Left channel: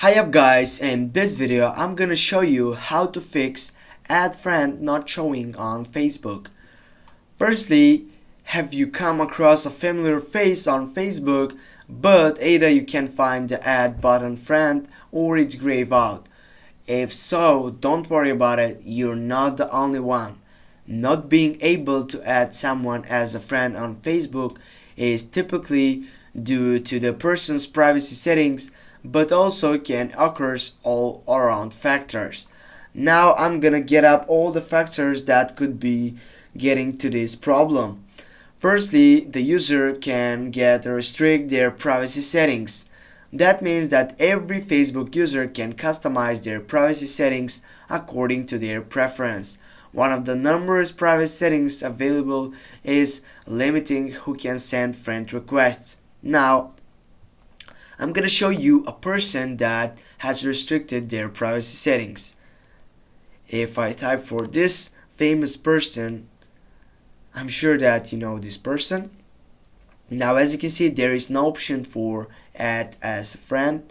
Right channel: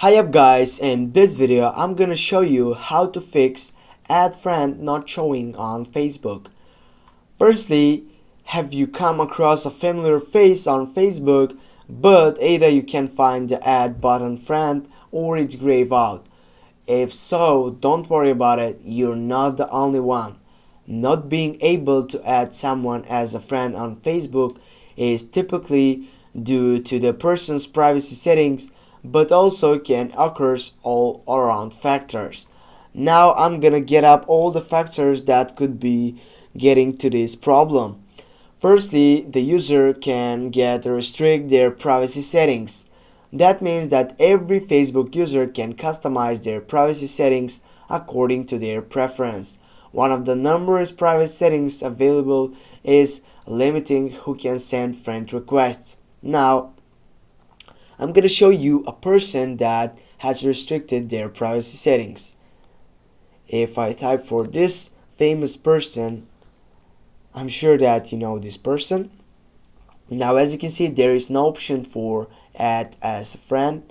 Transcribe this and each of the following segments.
Hi up guys, in this video I'm gonna show you how to fix add friend not showing on Facebook. Firstly, have you come across a familiar face on Facebook but either you can't find the add button friend or it's grayed out? If so, don't worry about it, you're not the only one. Not being able to add someone as a friend on Facebook is typically due to the person's privacy settings, but also can occur all around factors. Now I'm gonna get up all the factors that could be getting to this problem. Firstly, the user can get restrict their privacy settings. That means that every Facebook user can customize their privacy settings according to their preference. One of the numerous private settings available is limiting who can send friend requests. Now, I'm gonna show you a person that has restricted their privacy settings. If I type for this famous person, I'm sure that you know this person. Now as you can see, there is no option for add as a friend,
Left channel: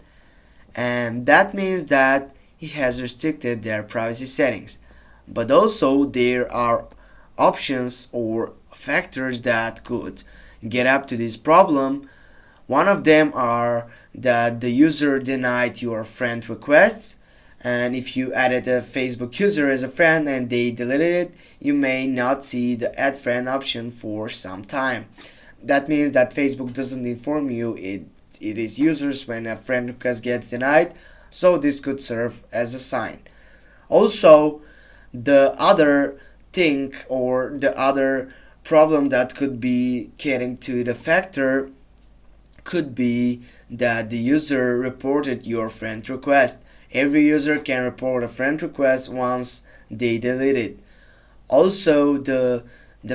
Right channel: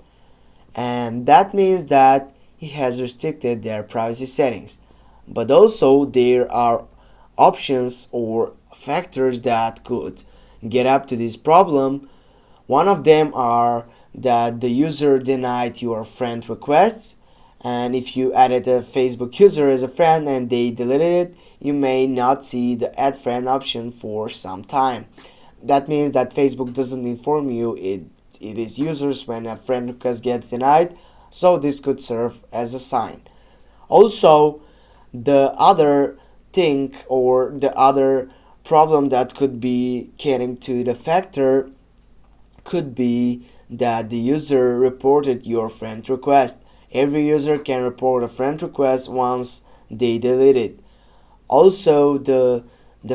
and that means that he has restricted their privacy settings. But also there are options or factors that could get up to this problem. One of them are that the user denied your friend requests, and if you added a Facebook user as a friend and they deleted it, you may not see the add friend option for some time. That means that Facebook doesn't inform you it is users when a friend request gets denied, so this could serve as a sign. Also, the other thing or the other problem that could be getting to the factor could be that the user reported your friend request. Every user can report a friend request once they delete it. Also, the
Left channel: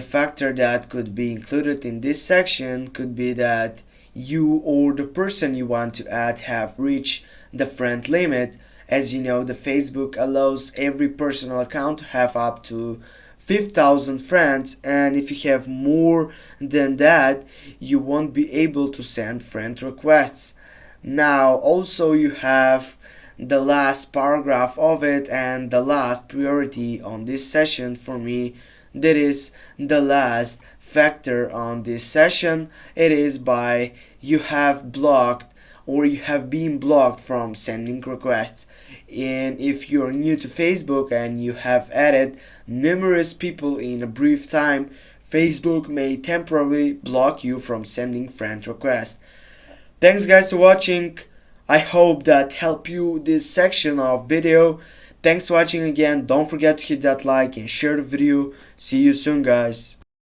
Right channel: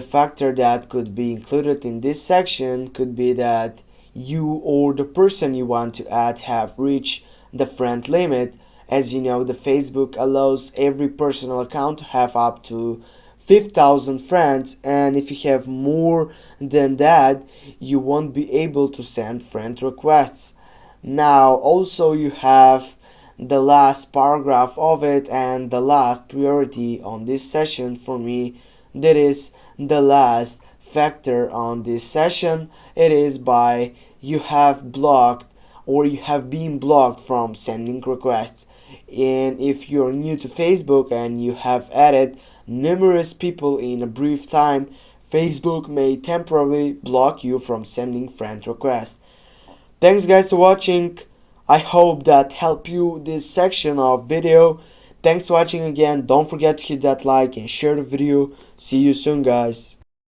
factor that could be included in this section could be that you or the person you want to add have reached the friend limit. As you know, the Facebook allows every personal account to have up to 5,000 friends, and if you have more than that, you won't be able to send friend requests. Now, also you have the last paragraph of it and the last priority on this session for me. That is the last factor on this session. It is by you have blocked or you have been blocked from sending requests. And if you're new to Facebook and you have added numerous people in a brief time, Facebook may temporarily block you from sending friend requests. Thanks guys for watching. I hope that helped you this section of video. Thanks for watching again. Don't forget to hit that like and share the video. See you soon guys.